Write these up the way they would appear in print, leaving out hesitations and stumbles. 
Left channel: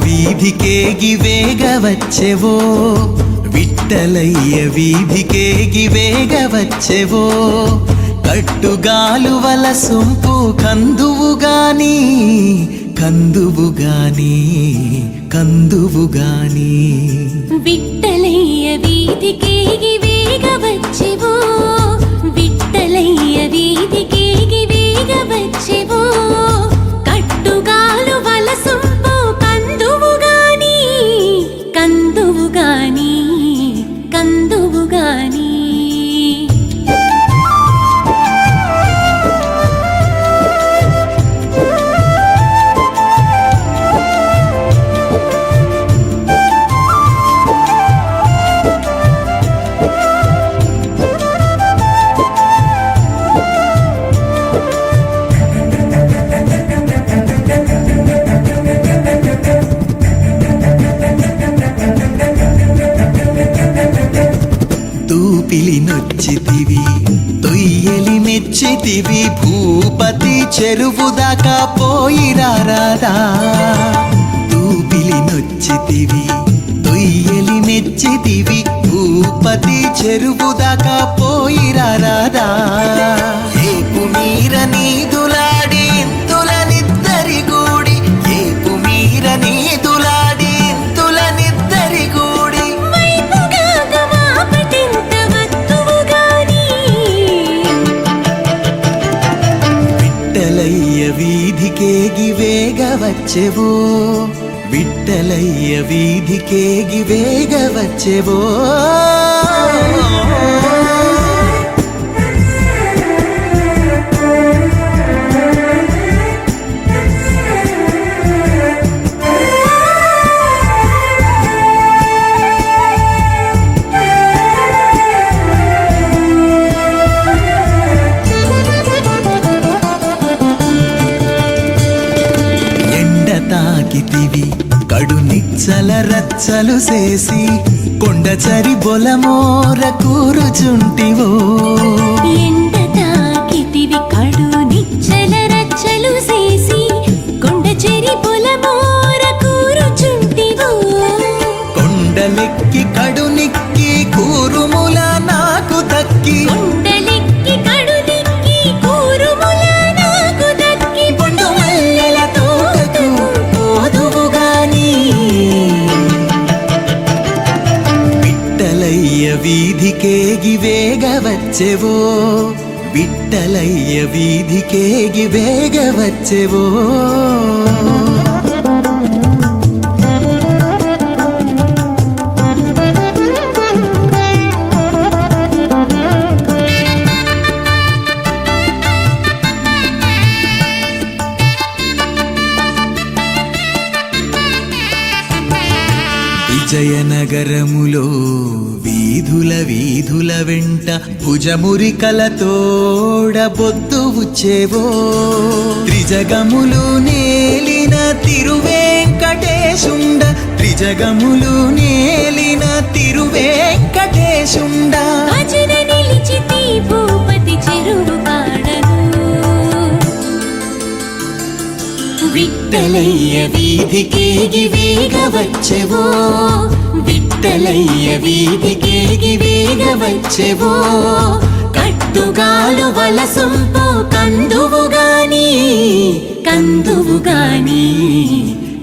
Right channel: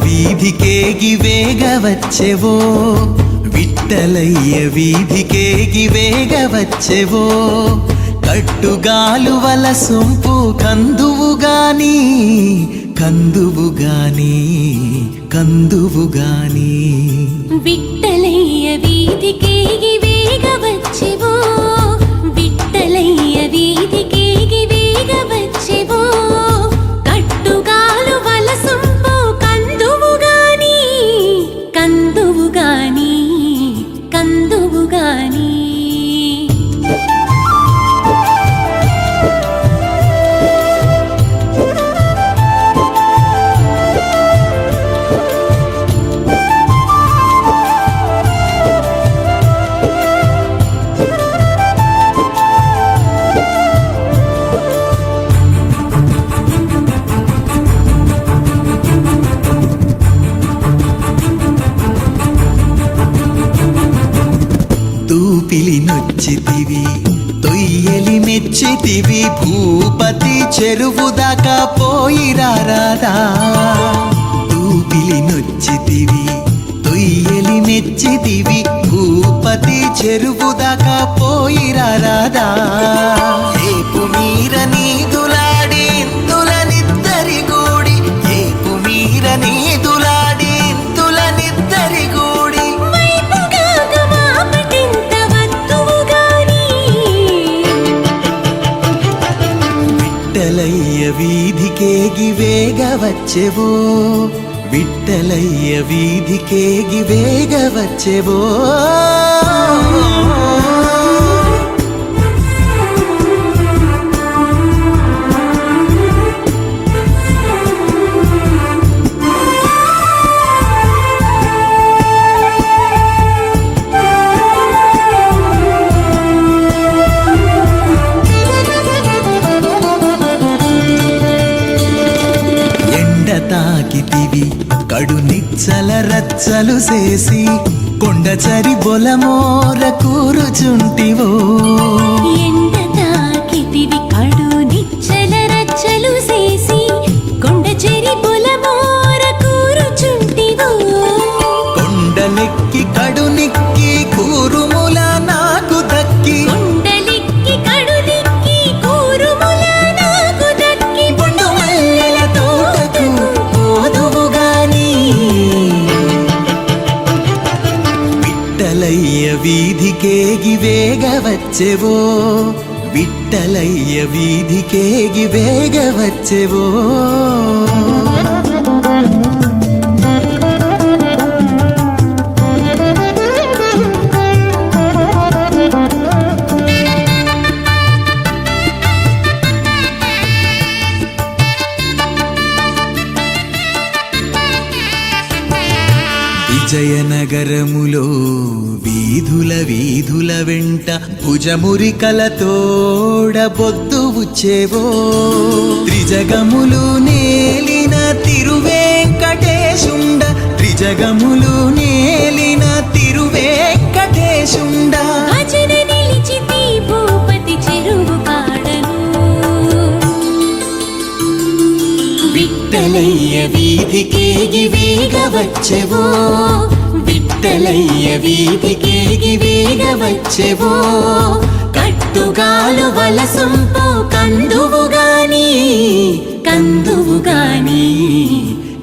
వీధికేగి వేగవచ్చెవో విట్టలయ్య వీధికేగి వేగవచ్చెవో కట్టుగాలువల సొంపు కందువుగాని కందువుగాని కందువుగాని విట్టలయ్య వీధికేగి వేగవచ్చెవో విట్టలయ్య వీధికేగి వేగవచ్చెవో కట్టుగాలువల సొంపు కందువుగాని కందువుగాని కందువుగాని తూపిలి నొచ్చితివి తొయ్యలి మెచ్చితివి భూపతి చెరువు దాకా పోయిరారాదా తూపిలి నొచ్చితివి తొయ్యలి మెచ్చితివి భూపతి చెరువు దాకా పోయిరారాదా ఏపు మీర నీదులాడి ఇంతులనిద్దరి గూడి ఏపు మీర నీదులాడి ఇంతులనిద్దరి గూడి వైపుగా గమాపటింత వత్తువు గాని విట్టలయ్య వీధికేగి వేగ వచ్చెవో విట్టలయ్య వీధికేగి వేగ వచ్చెవో ఎండ తాకితివి కడు నిచ్చల రచ్చలు చేసి కొండచరి బొలమోర కూరుచుంటివో ఎండ తాకితివి కడు నిచ్చల రచ్చలు చేసి కొండ చెరి పొలమోర కూరుచుంటివో కొండలెక్కి కడునిక్కి కూరుముల నాకు దక్కి కొండలెక్కి కడుదిక్కి కూరుముల నాకు దక్కి బొండు మల్లెల తోటకు పోదువు గాని విట్టలయ్య వీధికేగి వేగ వచ్చెవో విట్టలయ్య వీధికేగి వేగ వచ్చెవో విజయనగరములో వీధుల వెంట భుజమురికలతోడ బొద్దు వచ్చేవో త్రిజగములు నేలిన తిరువేంకటేశుండ త్రిజగములు నేలిన తిరువేంకటేశుండ భజన నిలిచితి భూపతి చెరువు కాడను విట్టలయ్య వీధికేగి వేగ వచ్చెవో విట్టలయ్య వీధికేగి వేగ వచ్చెవో కట్టుగాలు వలసొంపు కందువు గాని కందువు గాని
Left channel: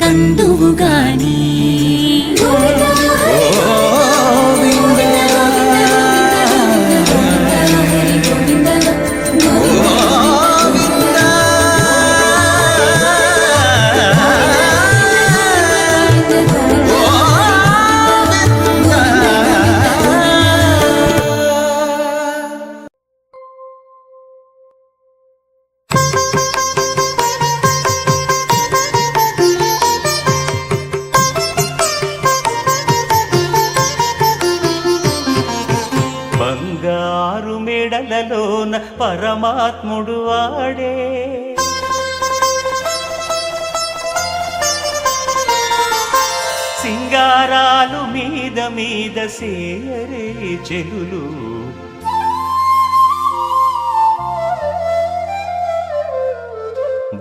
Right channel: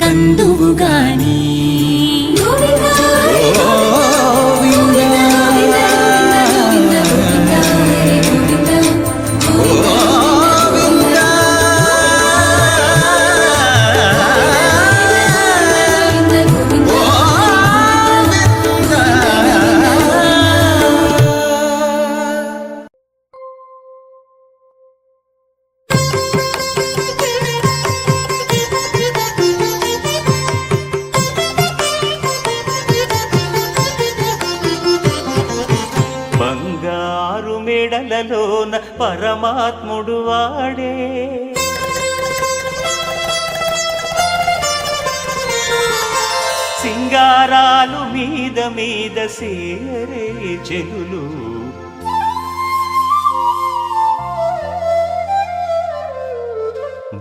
కందువు గాని గోవిందా బంగారు మెడలలోన పరమాత్ముడు వాడే సింగారాలు మీద మీద సేయరే చెలులు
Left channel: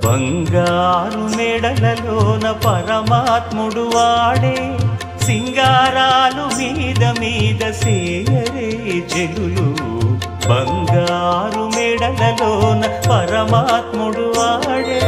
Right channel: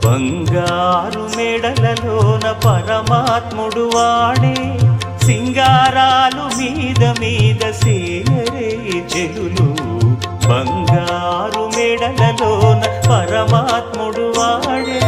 బంగారు మెడలలోన పరమాత్ముడు వాడే సింగారాలు మీద మీద సేయరే చెలులు బంగారు మెడలలోన పరమాత్ముడు వాడే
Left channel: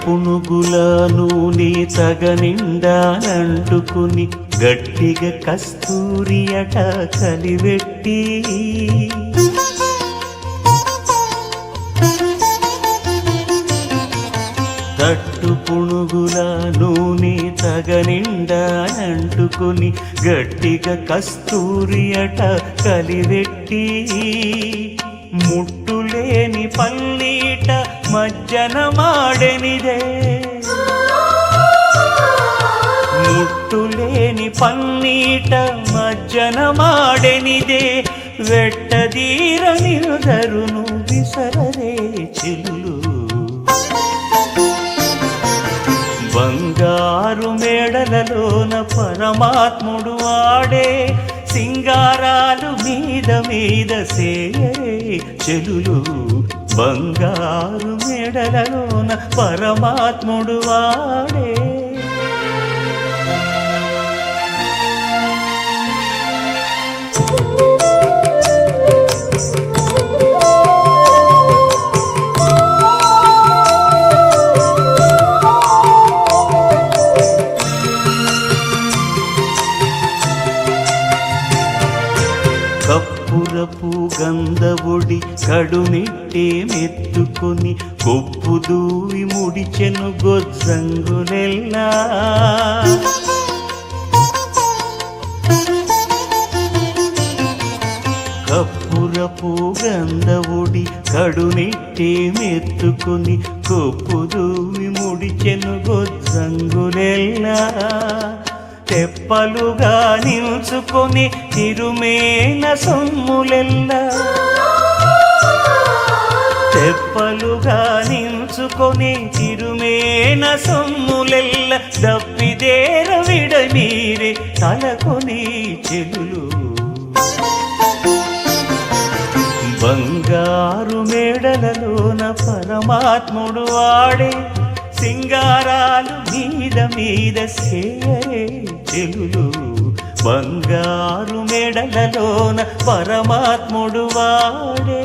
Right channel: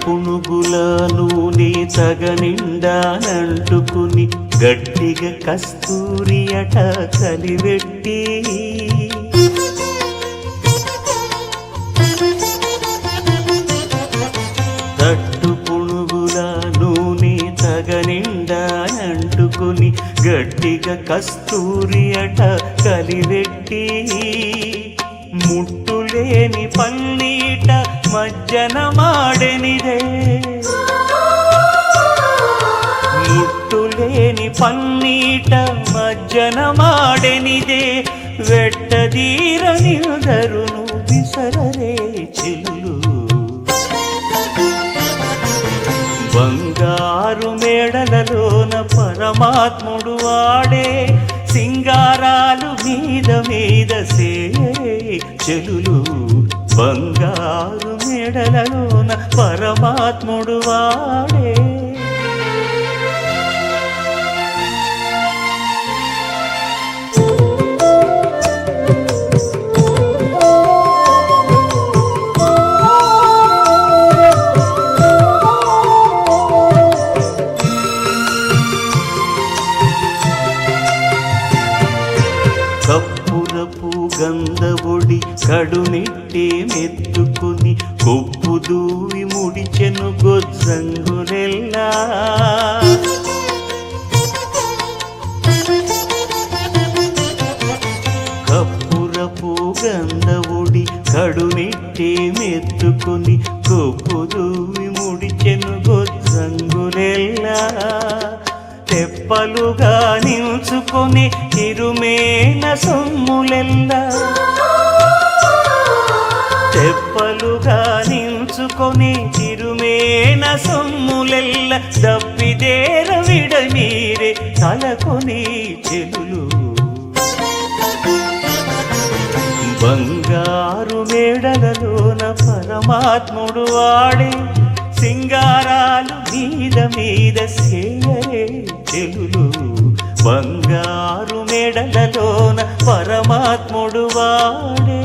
పునుగుల నూనె తగనిండానంటుకుని గట్టిగా కస్తూరి అట కలివెట్టి తట్టు పునుగుల నూనె తగనిండానంటుకుని గట్టిగా కస్తూరి అట కలివెట్టి ముట్టులేని పల్లీట మజ్జన మాడెనిదే ముట్టులేని పల్లీట మజ్జన మాడెనిదే వెట్టదీర నిలుదరును విసరరే చెలులు బంగారు మేడలలోన పరమాత్ముడు వాడే సింగారాలు మీద మీద సేయరే చెలులు బంగారు మేడలలోన పరమాత్ముడు వాడే కప్పురపు గంధవుడి కడునిట్టే మెత్తుకొని కొప్పు దూవి ముడిచెను గొజ్జంగులెల్లా కప్పురపు గంధవుడి కడునిట్టే మెత్తుకొని కొప్పు దూవి ముడిచెను గొజ్జంగులెల్లా తెప్పలుగా నిల్చుకొని తిరుమేన సొమ్ములెల్లా తెప్పలుగా నిల్చుకొని తిరుమేన సొమ్ములెల్ల దప్పిదేర విడమీరే తలకొని చెలులు బంగారు మేడలలోన పరమాత్ముడు వాడే సింగారాలు మీద మీద సేయరే చెలులు బంగారు మేడలలోన పరమాత్ముడు వాడే